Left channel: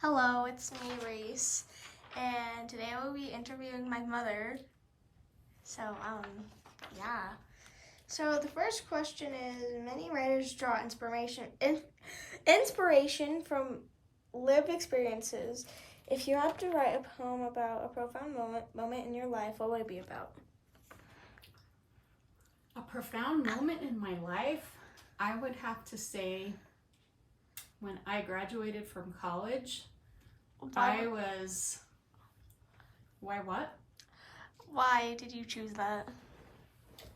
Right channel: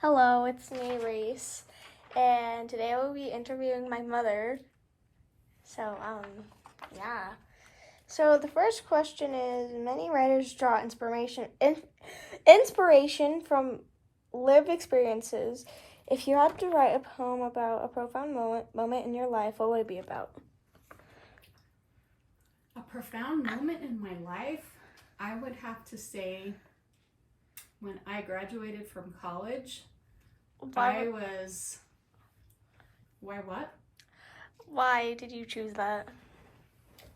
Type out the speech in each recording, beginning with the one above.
Hello, it's me, Reese, and today I will be interviewing my mother. So, yeah. So the first question is: many writers draw inspiration from lived experiences. If you had to write a poem about a profound moment in your life, what would it be about? A profound moment in my life, I would have to say when I graduated from college. Why Why what? Why did you choose that?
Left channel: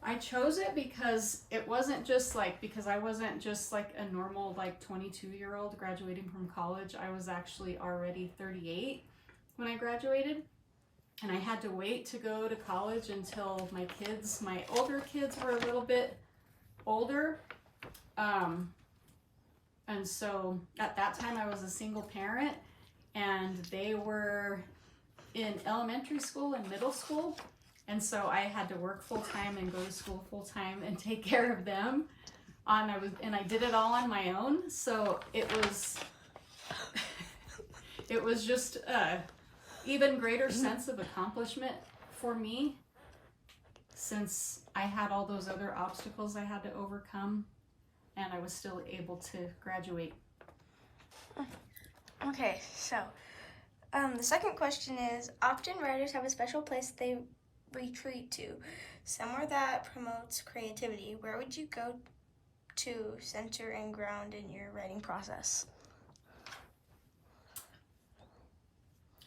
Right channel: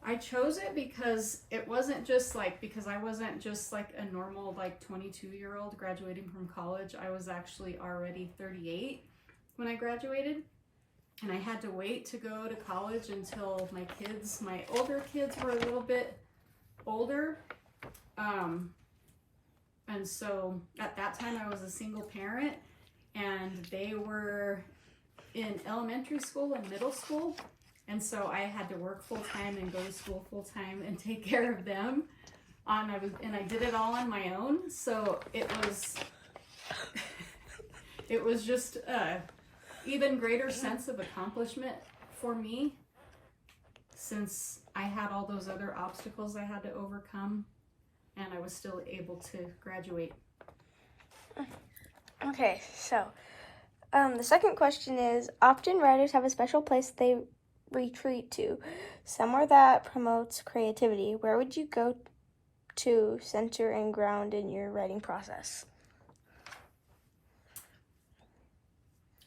I chose it because it wasn't just because I wasn't just like a normal 22-year-old graduating from college. I was actually already 38 when I graduated. And I had to wait to go to college until my older kids were a little bit older. And so at that time I was a single parent and they were in elementary school and middle school. And so I had to work full time and go to school full time and take care of them. And I did it all on my own. So it was just even greater sense of accomplishment for me, since I had all those other obstacles I had to overcome and I was still able to graduate. Okay, so the second question is: often writers have a special place they retreat to, somewhere that promotes creativity. Where would you go to center and ground in your writing process?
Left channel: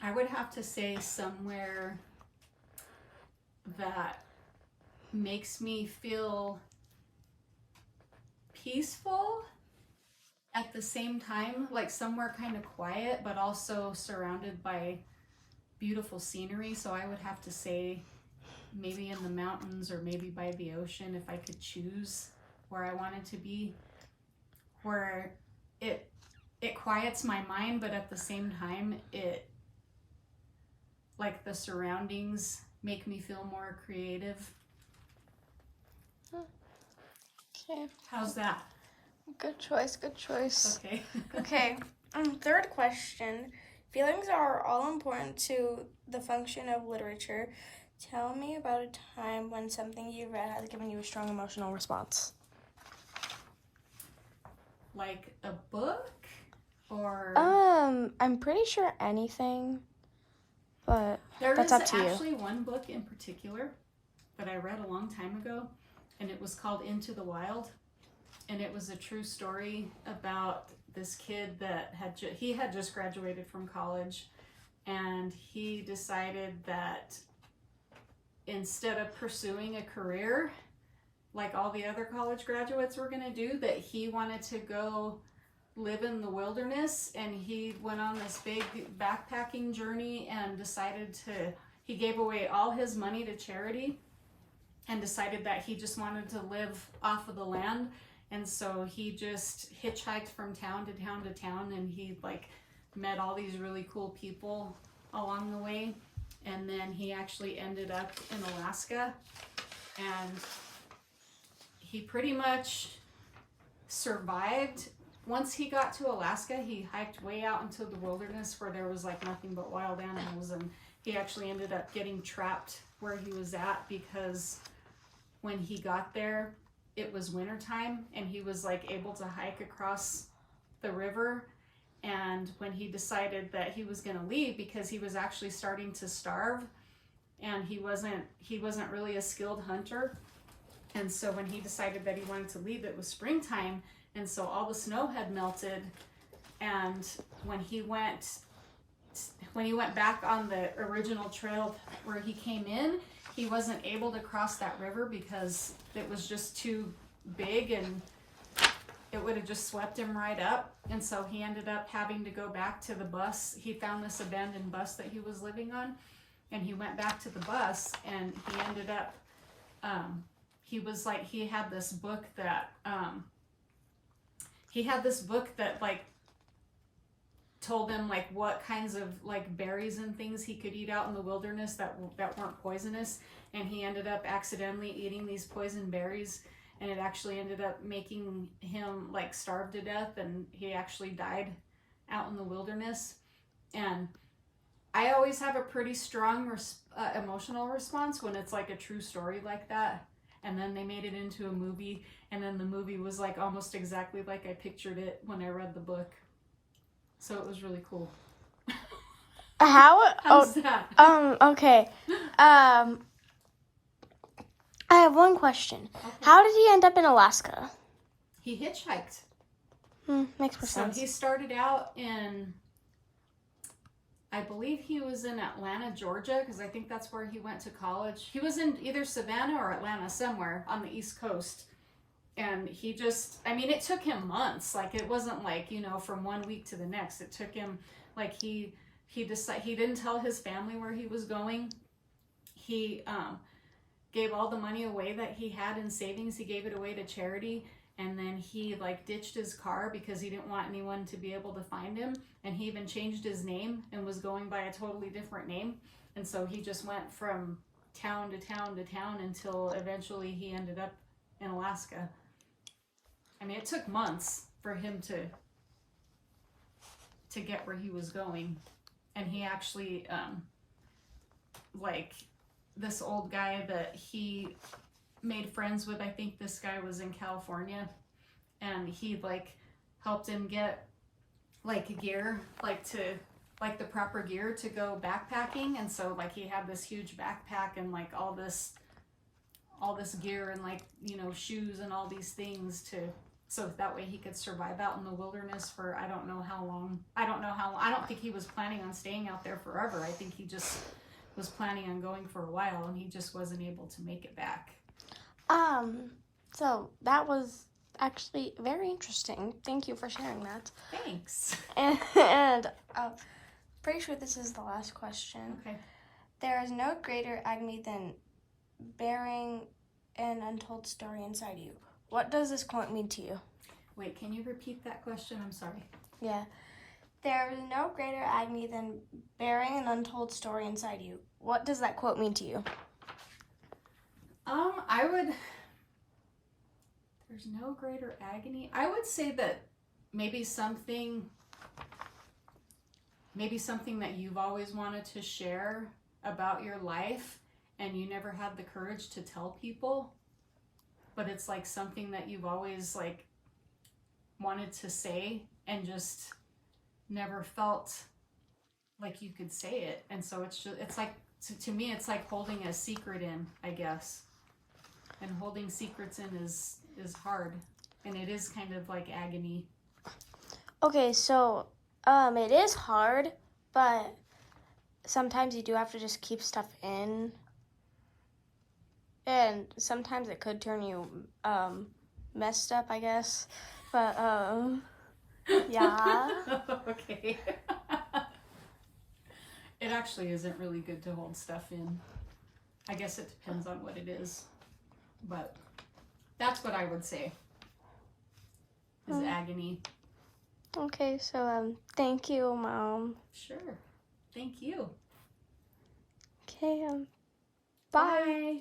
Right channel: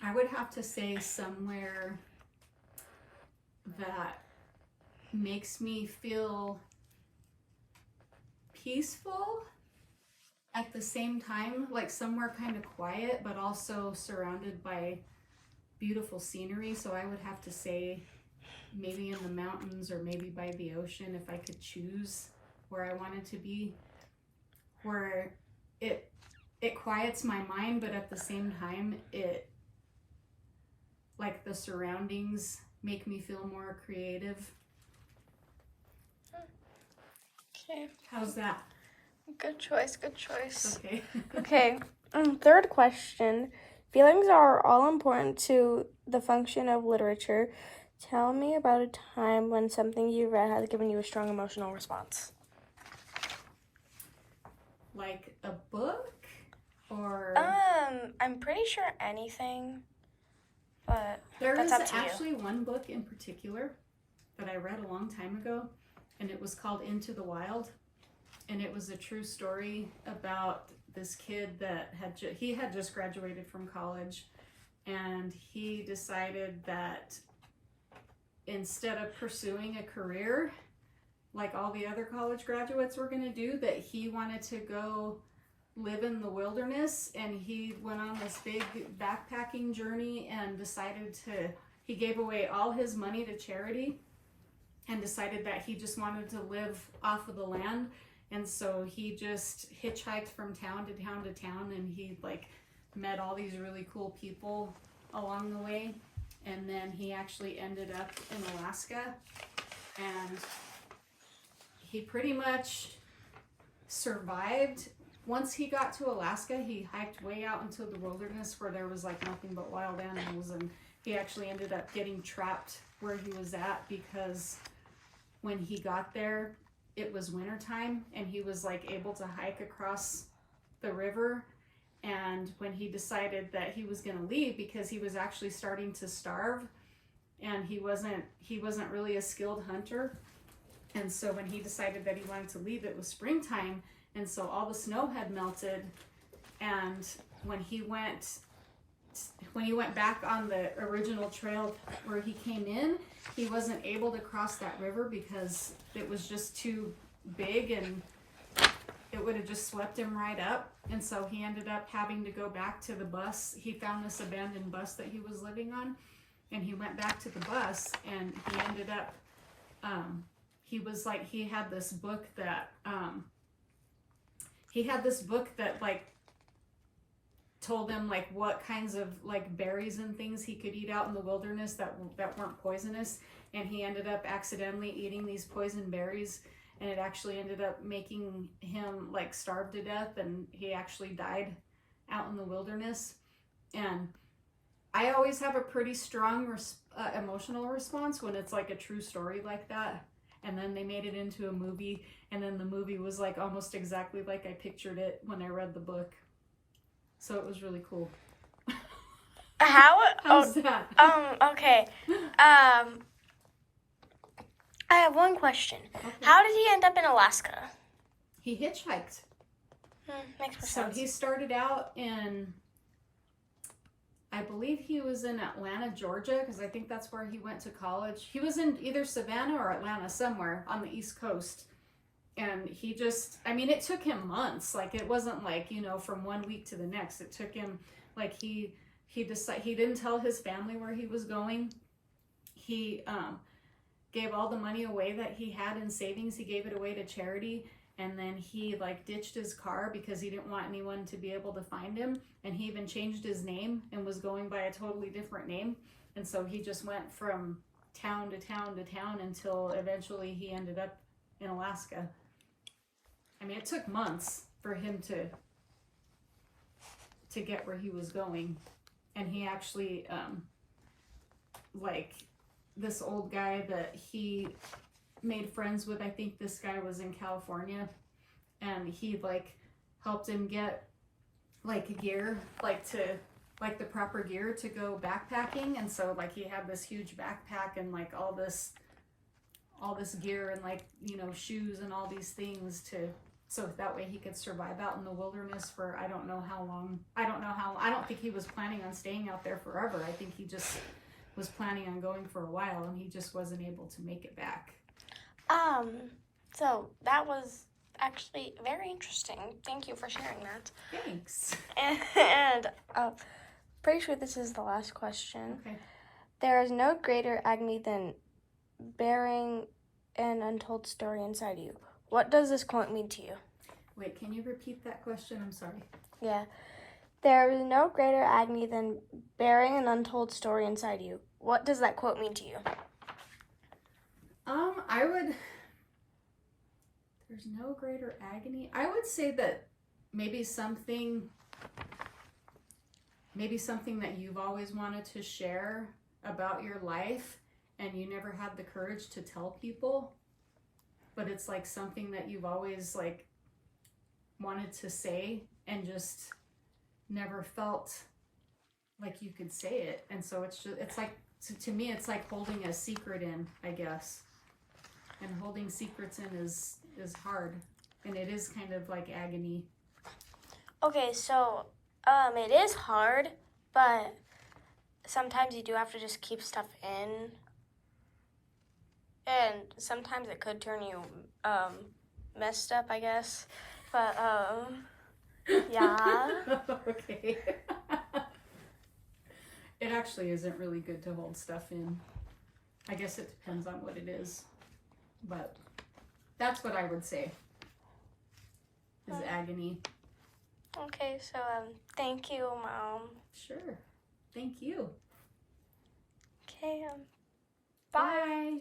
I would have to say somewhere that makes me feel peaceful at the same time, like somewhere kind of quiet, but also surrounded by beautiful scenery. So I would have to say maybe in the mountains or maybe by the ocean, if I could choose where I wanted to be, where it quiets my mind, but at the same time, the surroundings make me feel more creative. Okay. How's that? Good choice. Okay. Okay. Third question. Feelings are all important to the function of literature. Tell me about a time when something you read has given you a strong emotional response. Like a book or? I'm pretty sure anything, but There that's is up to actually one book in particular that I read a long time ago, and it was called Into the Wild. And it was a true story about this kid that he had just graduated from college, and he decided that instead of pursuing a career like all the other college graduates were going to do, that he wanted to go live in the wilderness. And he went on this big backpacking journey and he gave away all his money to charity and decided that he just wanted to live off of the land. And so he just hitchhiked from town to town to town, and he met all these really cool people along the way. And then he actually ended up in Alaska, and he pretty much survived. Once he got to Alaska, he hiked way out into the wilderness where there was nothing but wild animals, and he actually ended up getting trapped where he was at because when he got there, it was wintertime, and he was able to hike across the river. And when he decided that he was going to leave, because he was actually starting to starve and he wasn't really a skilled hunter, and so when he decided that he wanted to leave, it was springtime, and so all the snow had melted. And when he went back on the original trail where he came in, he wasn't able to cross that river because it was just too big and it would have just swept him right up. And so he ended up having to go back to the bus. He found this abandoned bus that he was living on, and he went back to the bus, and he ended up, he had this book that told him what kinds of berries and things he could eat out in the wilderness that weren't poisonous. And he ended up accidentally eating these poison berries, and it actually ended up making him starve to death, and he actually died out in the wilderness. And I always have a pretty strong emotional response when it's like a true story like that. And then they made it into a movie, and then the movie was like almost exactly like I pictured it when I read the book. So it was really cool. How's that? Okay. I have one question. Okay. How did he end up in Alaska? He hitchhiked. Makes more sense. So he started out in, I believe he was in Atlanta, Georgia, because I think that's where he went to college. He was in either Savannah or Atlanta, somewhere on the East Coast. And he just, I mean, it took him months. Like, it wasn't like, you know, from one week to the next. It took him, like, he didn't tell his family where he was going. He gave all the money away that he had in savings. He gave it away to charity. And then he like ditched his car because he didn't want anyone to be able to find him. And he even changed his name and was going by a totally different name. And so he just went from town to town to town until eventually he ended up in Alaska. I mean, it took months for him to get where he was going. And he actually, like this old guy that he made friends with, I think this guy was in California, and he like helped him get like gear, like the proper gear to go backpacking. And so like he had this huge backpack and like all this gear and like, you know, shoes and all these things so that way he could survive out in the wilderness for I don't know how long. I don't think he was planning on staying out there forever. I think he just was planning on going for a while, and he just wasn't able to make it back. So that was actually very interesting. Thank you for sharing that. Thanks. And pretty sure this is the last question. Okay. There is no greater agony than bearing an untold story inside you. What does this quote mean to you? Wait, can you repeat that question? I'm sorry. Yeah. There is no greater agony than bearing an untold story inside you. What does that quote mean to you? There's no greater agony. I would say that maybe something that you've always wanted to share about your life and you never had the courage to tell people, but it's like something that you've always like wanted to say and just never felt like you could say it. And so it's like, to me, it's like holding a secret in, I guess. And holding secrets in is hard, and it is kind of like agony. Okay, so it is hard, but sometimes you do have to just keep stuff in, and sometimes it could turn you messed up, I guess. But yeah. Okay. It actually isn't really good to hold stuff in. I guess it depends on what it is, but that's what I would say is agony. Okay, so thank you, Mom. Sure. Thank you. Okay, bye.